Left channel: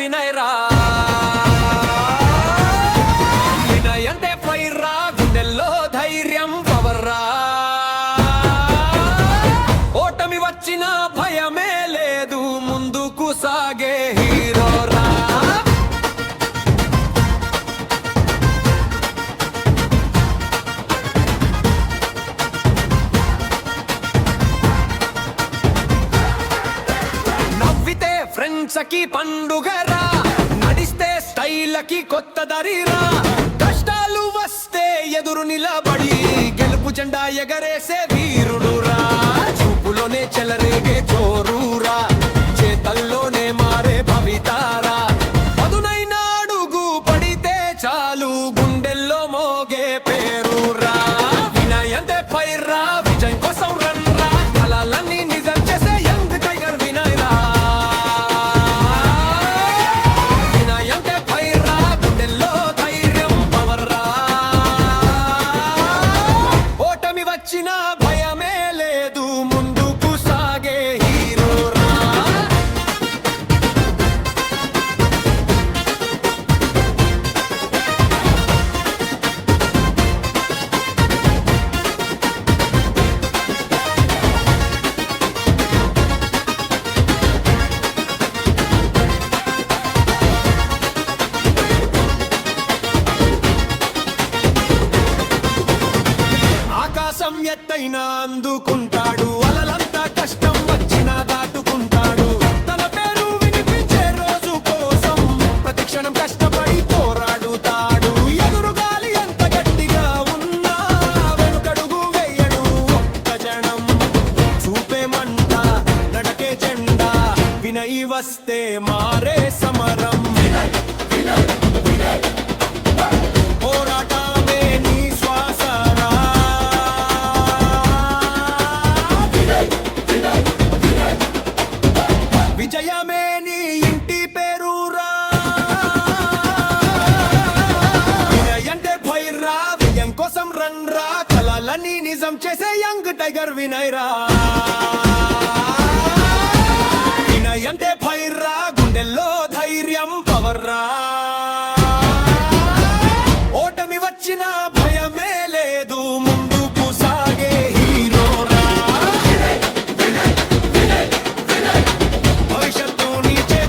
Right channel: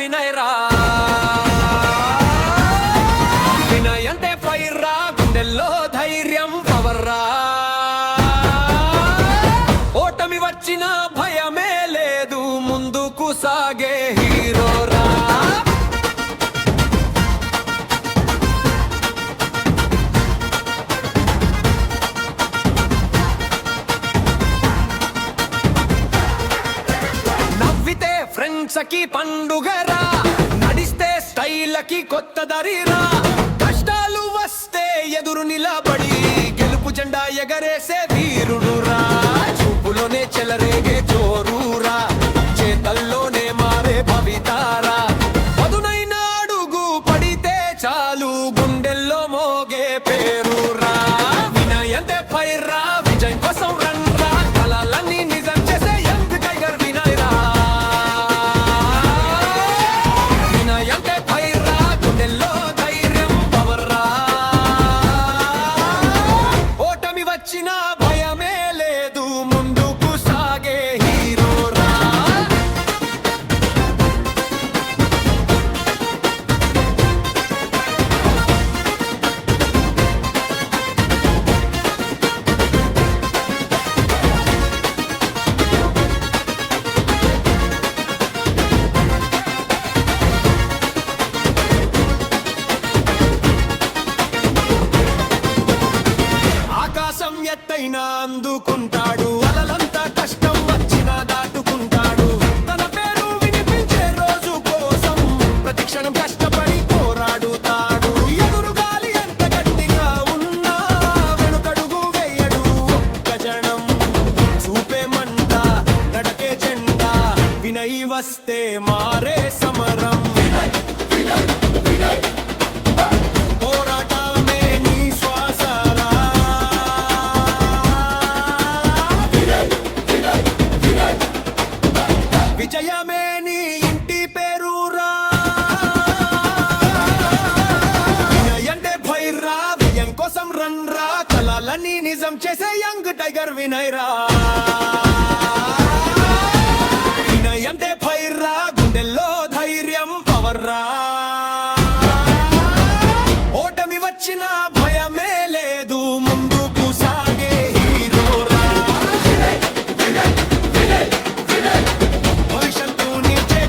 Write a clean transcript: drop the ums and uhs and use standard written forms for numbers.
వినయ్ రా. వినయ్ అంటే ఫైర్ రా, గుండెల్లో ధైర్యం పవర్ రా. ఓటమి వచ్చిన భయమే లేదు, ముందుకు సాగే హీరో రా. నవ్వితే ఫ్రెండ్స్ కి పండుగరా, నడిస్తే స్టైల్కి కొత్త దరిరా. కష్టాలు వస్తే ఎదురు నిలబడి గెలుపు జెండా ఎగరేసే వీరుడురా. చూపులోనే చెలరేగే జోరురా, చేతల్లోనే మారే భవితారా. పదునైన అడుగు పడితే చాలు, గుండెల్లో మోగే పేరురా. వినయ్ అంటే ఫైర్ రా, విజయం కోసం రన్ రా. కలలన్నీ నిజం చేసే యంగ్ టైగర్ వినయ్ రా. వినయ్ అంటే ఫైర్ రా, గుండెల్లో ధైర్యం పవర్ రా. ఓటమి వచ్చిన భయమే లేదు, ముందుకు సాగే హీరో రా. ఆకాశం ఎత్తైనా అందుకుంటాడు, అలలంతా కష్టం వచ్చినా దాటుకుంటాడు. తన పేరు వినిపించే రోజు కోసం ప్రతిక్షణం కష్టపడి పోరాడుతాడు. ఎదురుగాలి ఎంత గట్టిగా ఉన్నా వెనుకడుగు వేయడు ఒక్క జనం. చూపే మంట, నడకే జెండా, వినయ్ వస్తే మారే సమరం. పోరాటమే నీ శ్వాసరా, విజయమే నీ ఇంటి పేరురా. వినయ్ అంటే ఫైర్ రా, విజయం కోసం రన్ రా. కలలన్నీ నిజం చేసే యంగ్ టైగర్ వినయ్ రా. వినయ్ అంటే ఫైర్ రా, గుండెల్లో ధైర్యం పవర్ రా. ఓటమి వచ్చిన భయమే లేదు, ముందుకు సాగే హీరో రా. భవిష్యత్తు నీచే